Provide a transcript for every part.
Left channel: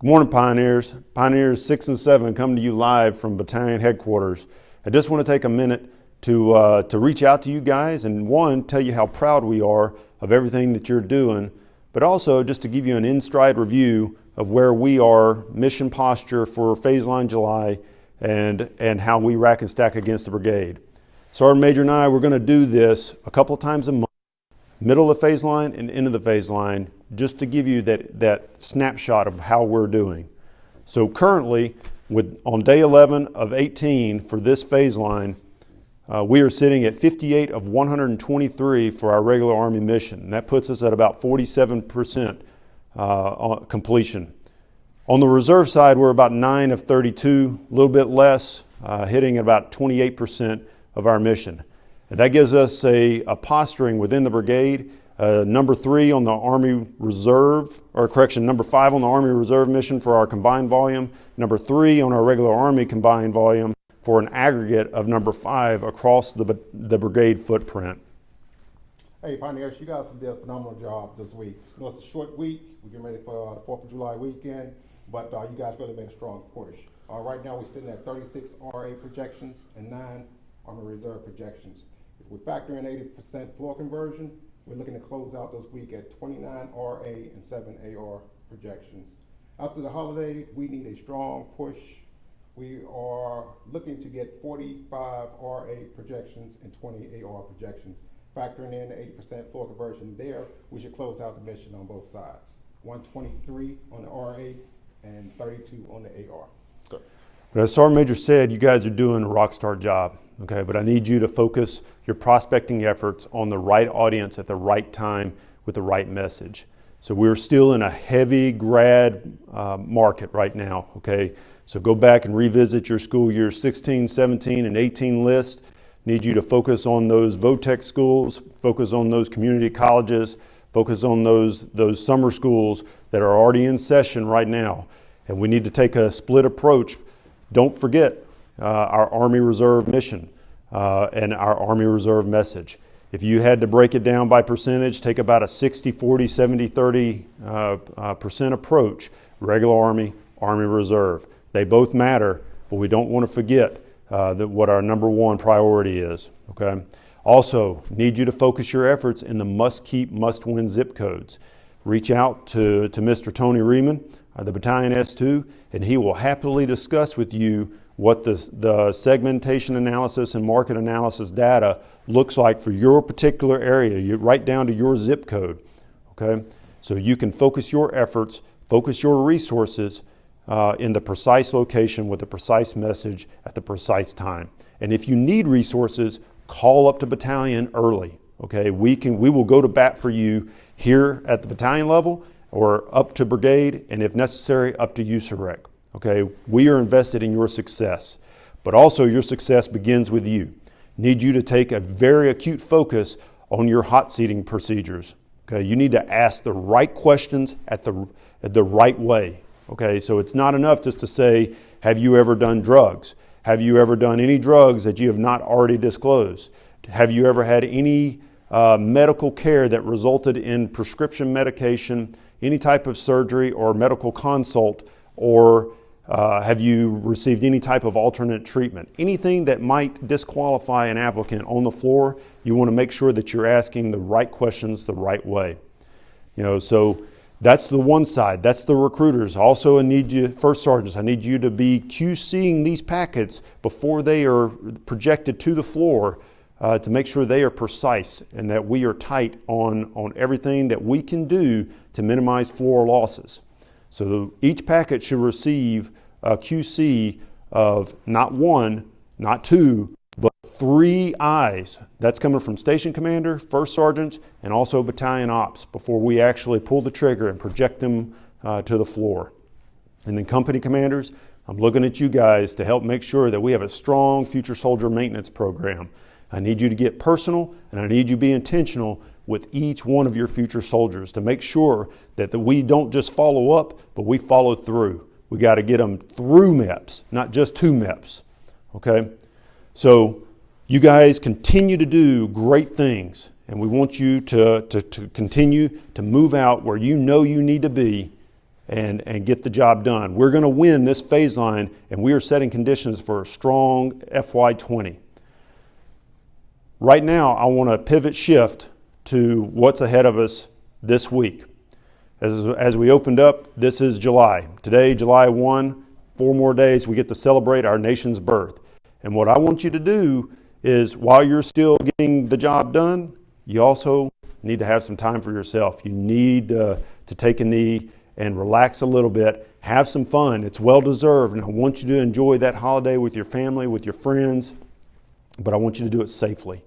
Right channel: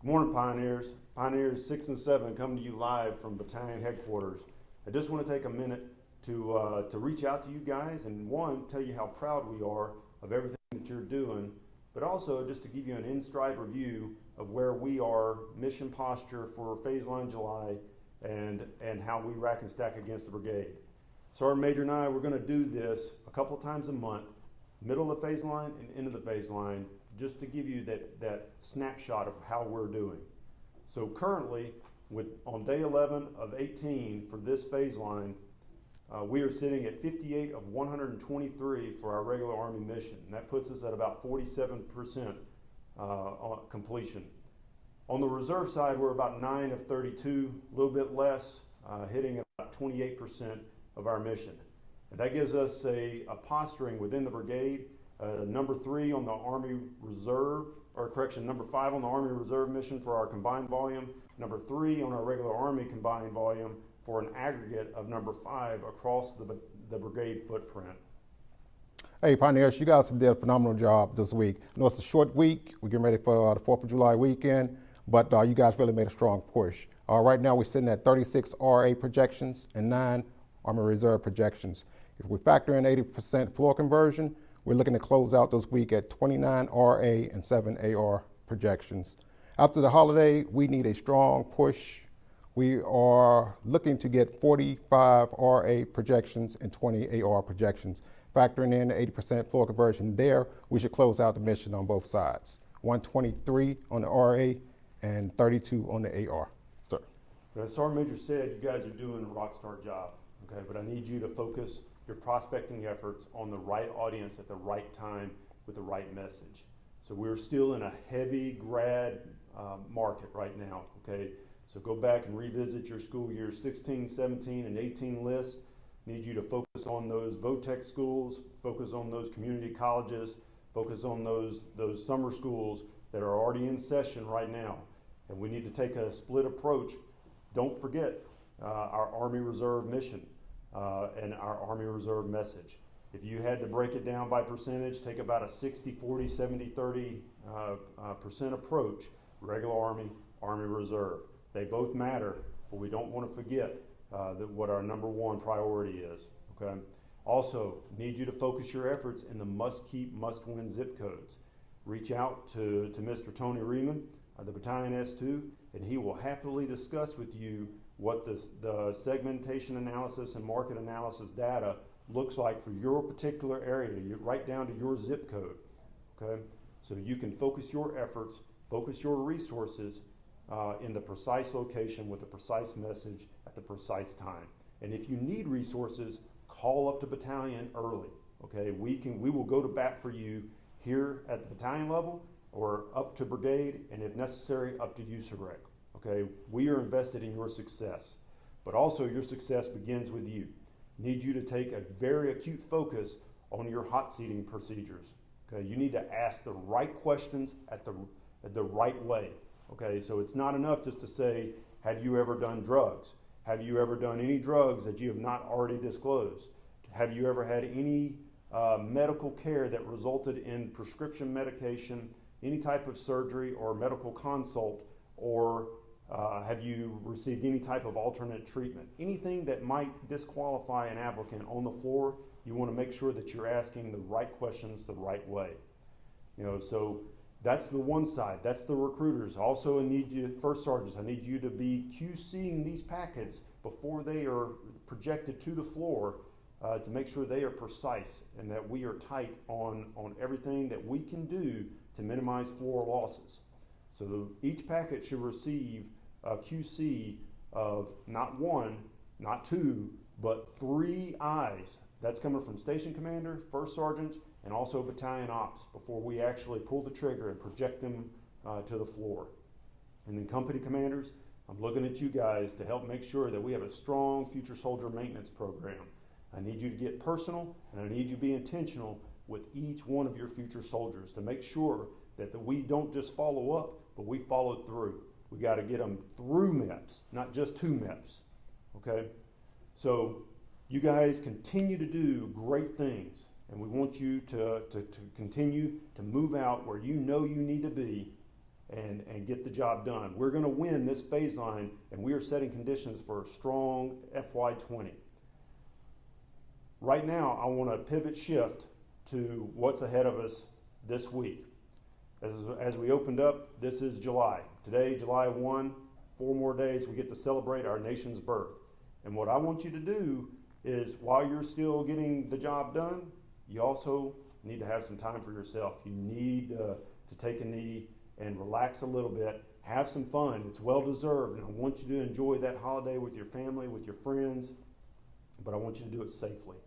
Good morning, Pioneers. Pioneers 6 and 7 coming to you live from battalion headquarters. I just want to take a minute to reach out to you guys and tell you how proud we are of everything that you're doing, but also just to give you an in-stride review of where we are, mission posture for Phase Line July, and how we rack and stack against the brigade. Sergeant Major and I, we're going to do this a couple of times a month, middle of the phase line and end of the phase line, just to give you that snapshot of how we're doing. So currently, on day 11 of 18 for this phase line, we are sitting at 58 of 123 for our regular Army mission. And that puts us at about 47% completion. On the reserve side, we're about 9 of 32, a little bit less, hitting about 28% of our mission. And that gives us a posturing within the brigade. Number 3 on the Army Reserve, number 5 on the Army Reserve mission for our combined volume, number 3 on our regular Army combined volume for an aggregate of number 5 across the brigade footprint. Hey Pioneers, you guys did a phenomenal job this week. I know it's a short week, we're getting ready for the 4th of July weekend, but you guys really made a strong push. Right now we're sitting at 36 RA projections and 9 Army Reserve projections. If we factor in 80% floor conversion, we're looking to close out this week at 29 RA and 7 AR projections. After the holiday, we need a strong push. We are looking to get 45 RA projections and 20 AR projections. Factoring in the 80% floor conversion there, we should close out the mission on both sides. 123 on the RA and 32 on the AR. But as Sergeant Major said, you guys are doing a rock star job. Okay, but I need you to focus your prospecting efforts on the right audience at the right time with the right message. So we're still in a heavy grad market right now, okay? So go back and revisit your school year 16, 17, and 18 list. Need you to focus on those VOTEC schools, focus on those community colleges, focus on those summer schools that are already in session right now. And we need to take a split approach. Don't forget our Army Reserve mission and our Army Reserve message. If you had to break it down by percentage, take about a 60, 40, 70, 30% approach. Regular Army, Army Reserve. They both matter, but we don't want to forget what our number one priority is, okay? Also, need you to focus your efforts in the must-keep, must-win zip codes. Reach out to Mr. Tony Riemann, the Battalion S2, and he will happily discuss with you what the segmentation analysis and market analysis data looks like for your particular area, right down to your zip code, okay? So you can focus your efforts, focus your resources in the precise location with the precise message at the precise time. And if you need resources, call up to battalion early, okay? We will go to bat for you here at the battalion level or up to brigade, and if necessary, up to USAREC. Okay, we are invested in your success, but also your success begins with you. Need you to take a very acute focus on your hot seating procedures. Okay, you need to ask the right questions at the right way. Okay, so it's not enough just to say, have you ever done drugs? Have you ever done any drugs that you have not already disclosed? Have you ever had any medical care that resulted in prescription medication, any type of surgery or medical consult, or have you received any type of alternate treatment? Anything that might disqualify an applicant on the floor, you want to make sure that you're asking the right questions the right way. So that's the one side. That's the recruiters. Also, I need you, first sergeants, I need you to be QCing these packets before they are projected to the floor to make sure they are precise and that we are tight on everything that we can do to minimize floor losses. So each packet should receive a QC of not 1, not 2, but 3 eyes. That's coming from station commander, first sergeants, and also battalion ops before we actually pull the trigger and project them to the floor. And then company commanders, I'm looking at you guys to help make sure that we have a strong future soldier maintenance program. I need you to get personal, and I need you to be intentional with each one of your future soldiers to make sure that we don't just follow up, but we follow through. We got to get them through MEPS, not just to MEPS, okay? So you guys continue to do great things, and we want you to continue to move out where you know you need to be and get the job done. We're going to win this phase line, and we are setting conditions for a strong FY20. Right now, I want to pivot shift to what's ahead of us this week. As we opened up, this is July. Today, July 1, 4 more days, we get to celebrate our nation's birth. And what I want you to do is, while you're still getting the job done, you also need to have some time for yourself. You need to take a knee and relax a little bit, have some fun. It's well deserved, and I want you to enjoy that holiday with your family, with your friends, but I want you to do it safely,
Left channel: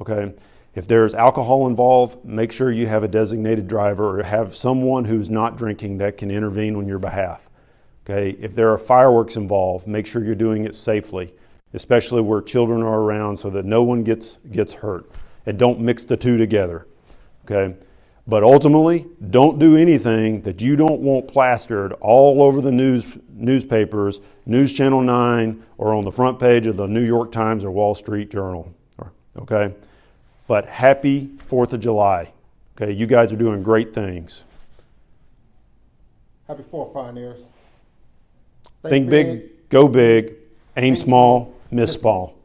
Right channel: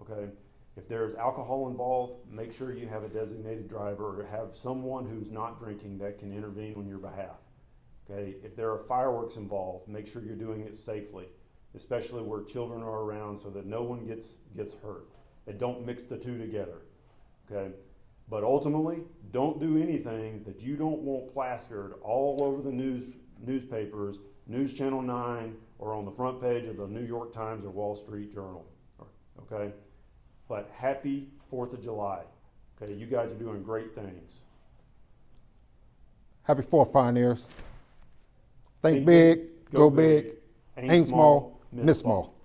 okay? If there's alcohol involved, make sure you have a designated driver or have someone who's not drinking that can intervene on your behalf, okay? If there are fireworks involved, make sure you're doing it safely, especially where children are around, so that no one gets hurt. And don't mix the two together, okay? But ultimately, don't do anything that you don't want plastered all over the newspapers, News Channel 9, or on the front page of the New York Times or Wall Street Journal, okay? But happy 4th of July, okay? You guys are doing great things. Happy 4th, Pioneers. Think big, go big, aim small, miss small.